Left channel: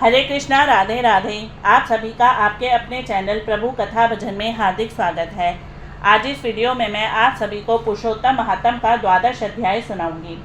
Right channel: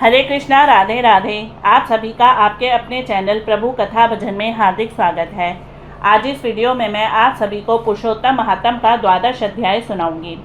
हरे कृष्णा, राधे राधे। आप सभी का आपके अपने चैनल प्रभु कथा भजन में हार्दिक स्वागत है। आज इस वीडियो में मैं आप सभी को पुरुषोत्तम महात्म का 12वां अध्याय सुनाऊंगी।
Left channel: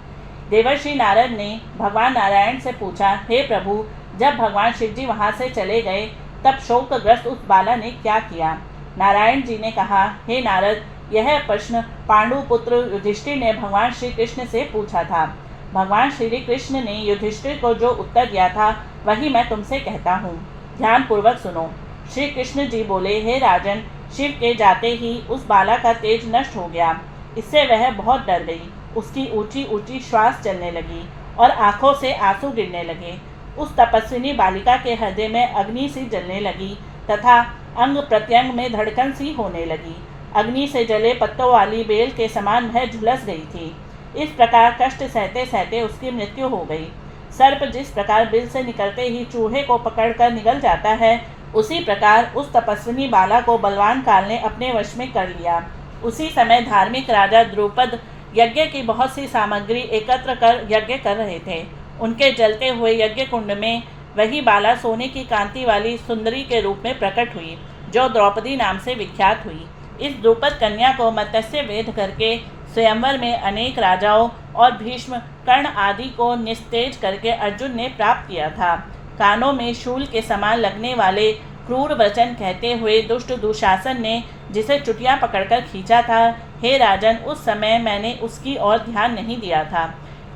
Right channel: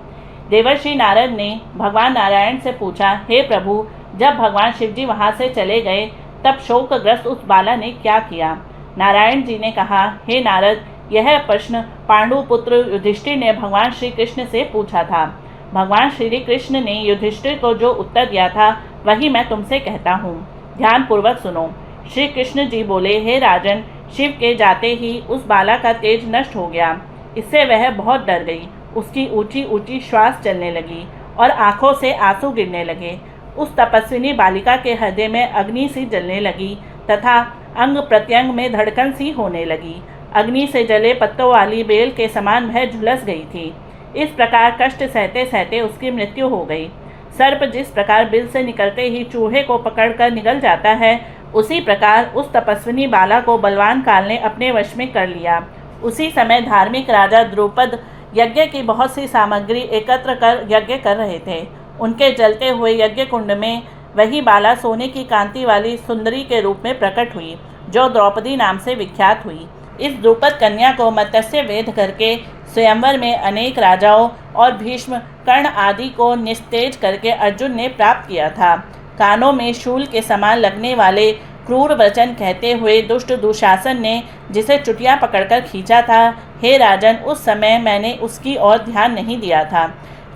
देवर्षि नारद ने भगवान नारायण से पूछा, हे प्रभु, जब भगवान शिव जी वहाँ से चले गए तब शोकग्रस्त उस बाला ने क्या किया? नारायण जी ने कहा, हे नारद, यह प्रश्न पांडुपुत्र युधिष्ठिर ने भगवान श्री कृष्ण से पूछा था। भगवान श्री कृष्ण ने युधिष्ठिर को जो उत्तर दिया था वही मैं तुमसे कहता हूँ, ध्यान पूर्वक सुनो। श्री कृष्ण जी बोले, हे राजन, शिव के जाते ही उस बाला का तेज नष्ट हो गया। इससे वह बहुत डर गई। उसकी ऊंची ऊंची श्वास चलने लगी और आंखों से आंसू गिरने लगे। उस तपस्विनी बालिका के हृदय में अग्नि सी जलने लगी तथा अंग प्रत्यंग में धड़कन सी होने लगी। अग्नि से जले पत्तों वाली बेल के समान वह झुलस गई थी। इस प्रकार कष्ट सहते सहते उसकी मृत्यु हो गई। सर्प जिस प्रकार बिल से निकलते ही चूहे को पकड़कर निगल जाता है, उसी प्रकार उस तपस्विनी बाला को बलवान काल ने अपने वश में कर लिया। उसी समय धार्मिक राजा द्रुपद यज्ञ की बहुत सी सामग्री एकत्र कर यज्ञ कर रहे थे। उनके जलते हुए यज्ञ कुंड में वही बाला सोने की कांति वाली सुंदरी के रूप में प्रकट हुई, जो द्रौपदी नाम से विख्यात हुई। इस द्रुपद कन्या को मत्स्य वेध करके स्वयंवर में अनेक राजाओं और भीष्म, कर्ण आदि को निस्तेज करके अर्जुन ने प्राप्त किया था। कानों में शूल के समान लगने वाले क्रूर वचन कहते हुए दुष्ट दुशासन ने जिसे चुटिया पकड़कर खींचा था, हे राजन, उस समय मैंने उसकी ओर ध्यान नहीं दिया था,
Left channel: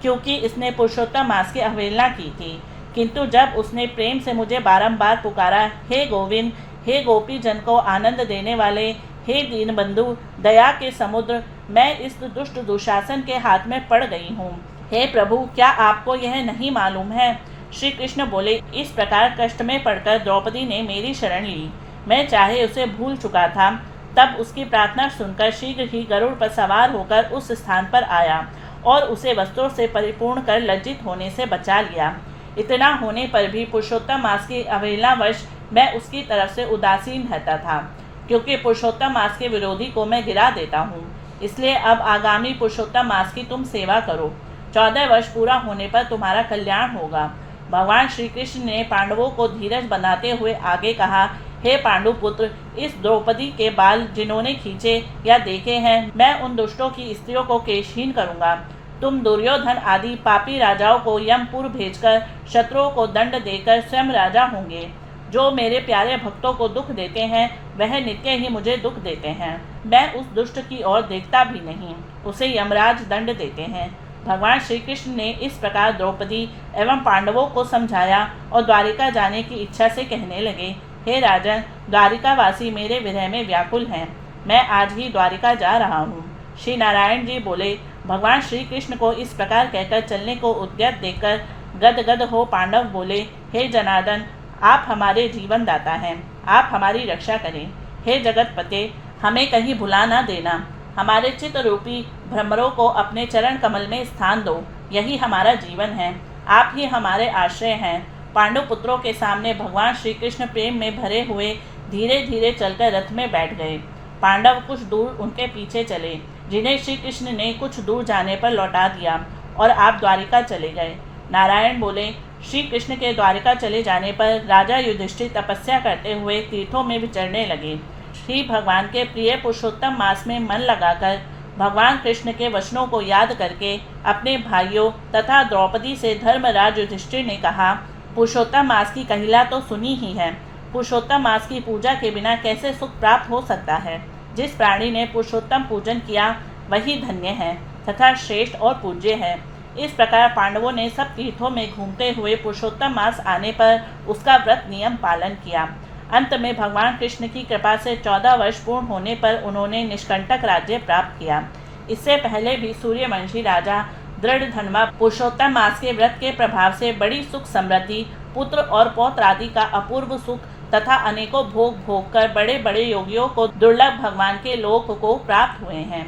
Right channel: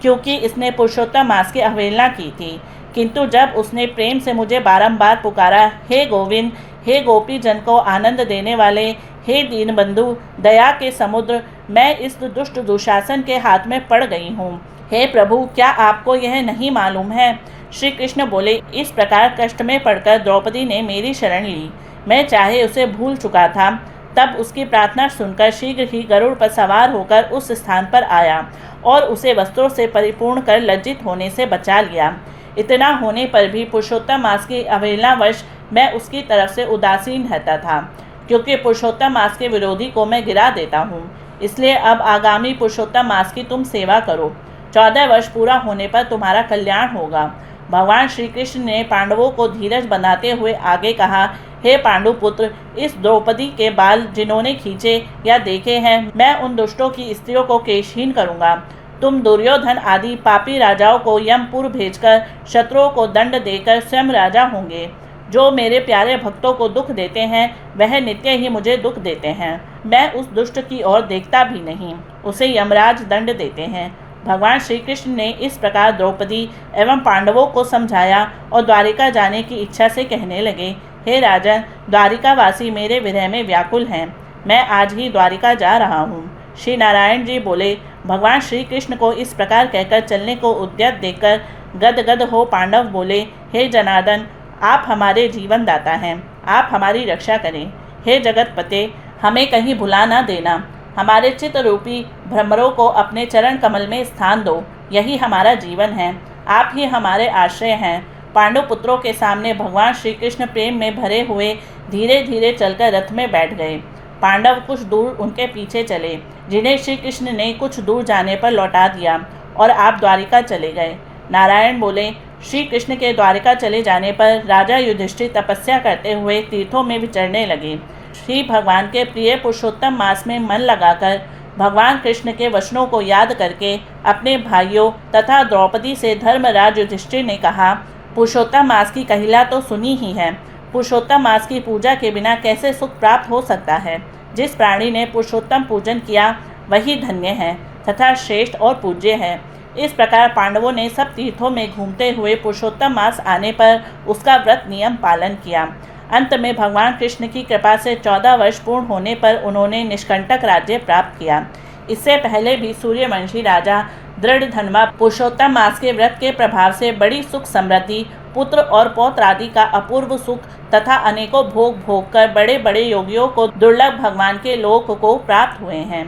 क्योंकि इसने पुरुषोत्तम मास की अवहेलना की थी। किंतु जब उसने प्रेम से मुझे बारंबार पुकारा, हे गोविंद, हे गोपी जन को आनंद देने वाले, हे दीनबंधु, दया के समुद्र, मैं इस दुष्ट दुशासन के हाथ में पड़ गई हूँ। हे प्रभु, क्या आपको यह नहीं मालूम है? श्री कृष्ण बोले, इस प्रकार कष्ट में पड़कर द्रौपदी ने मेरी शरण ली। मैं चाहे उसे भूल चुका था, तब उसकी प्रार्थना सुनकर शीघ्र ही गरुड़ पर सवार होकर उस स्थान पर आया और उसे वस्त्रों से परिपूर्ण कर लज्जित होने से बचा लिया। इतना होने पर भी पुरुषोत्तम मास की अवहेलनावश मैं उसकी तरफ से उदासीन रहता था, क्योंकि पुरुषोत्तम मास के विरोधी को मैं गिरा देता हूँ। इसलिए अब आगामी पुरुषोत्तम मास की तुम सेवा करो। 14 वर्ष पूरा होने पर तुम्हारा कल्याण होगा। भगवान श्री कृष्ण ने पांडवों को धीरज बनाते हुए आगे कहा, हे पांडुपुत्र, इस द्रौपदी के बाल जिन्होंने खींचे या देखे हैं, मैं उन दुष्टों की स्त्रियों को केशहीन करूँगा। तुम दुर्योधन आदि पापी राजाओं को यमपुर भेजकर शत्रुओं को दंड देकर स्वयं राजा होंगे। जो मेरे प्यारे भक्तों को दुख देते हैं वह नित्य ही मुझे दुख देते हैं। मैं उस दुष्ट की ओर देखता भी नहीं, उसे यमराज दंड देते हैं। भगवान श्री कृष्ण ने इस प्रकार द्रौपदी एवं पांडवों को समझाया और द्वारिका जाने की इच्छा से कहने लगे, हे राजन, द्वारिकावासी मेरे विरह में व्याकुल हैं। मैं आज ही द्वारिका जा रहा हूँ। श्री नारायण जी बोले, भगवान श्री कृष्ण को इस प्रकार कहकर चलने को उद्यत देखकर गदगद हो पांडव बोले, हे जनार्दन, आप हमारे जीवन दाता हैं, आप हमारी रक्षा करें। हे जगतपते, हमें कहीं भुला ना देना। हमारे चित्त रूपी भ्रमरों को अपने चरण कमल में स्थान दो। यही हमारा जीवन है, आप ही हमारे आश्रय हैं। पांडुपुत्रों के सामने भगवान श्री कृष्ण प्रेम में भरे हुए धीरे धीरे चलकर रथ में बैठ गए। पांडव कुछ दूर उनके पीछे चले, जिन्हें श्री कृष्ण ने कुछ दूर जाने पर लौटा दिया और आप द्वारिका चले गए। नारायण बोले, श्री कृष्ण के द्वारिका चले जाने पर राजा युधिष्ठिर तपस्या करते हुए तीर्थों में विचरने लगे। श्री भगवान के प्रिय पुरुषोत्तम मास में मन लगाकर भगवान कृष्ण के वचनों को याद करके अपने भाइयों तथा द्रौपदी से धर्मराज युधिष्ठिर ने कहा, पुरुषोत्तम मास की कहिला तो सुनी ही है। पुरुषोत्तम मास की पूजा के बिना कैसे सुख प्राप्त हो सकता है? जिस प्राणी ने पुरुषोत्तम पूजन किया वही धन्य है तथा श्रेष्ठ और पूज्य है। इस प्रकार पांडवों ने सब तीर्थों में घूमते हुए पुरुषोत्तम मास आने पर उसका व्रत नियम पालन किया। अंत में भगवान कृष्ण की कृपा से 14 वर्ष पूर्ण होने पर उन्होंने निष्कंटक राज्य प्राप्त किया। इससे पहले भी सूर्यवंशी राजा दृढ़धन्वा पुरुषोत्तम मास के व्रत के प्रभाव से बड़ी सुख समृद्धि, पुत्र और पौत्र आदि का अपूर्व सुख तथा अनेकों भोग भोग कर बड़े बड़े योगियों को दुर्लभ भगवान के लोक को प्राप्त हुए हैं।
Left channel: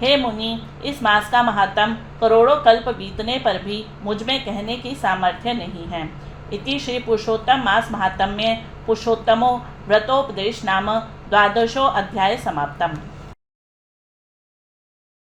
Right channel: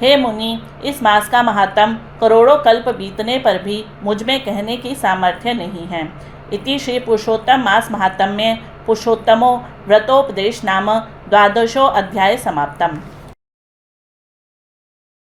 हे मुनि, इस मास का महात्म करोड़ों कल्प बीतने पर भी मुझ में कहने की सामर्थ्य नहीं है। इति श्री पुरुषोत्तम मास महात्म्य पुरुषोत्तमो व्रतोपदेश नाम 12वां अध्याय समाप्तम।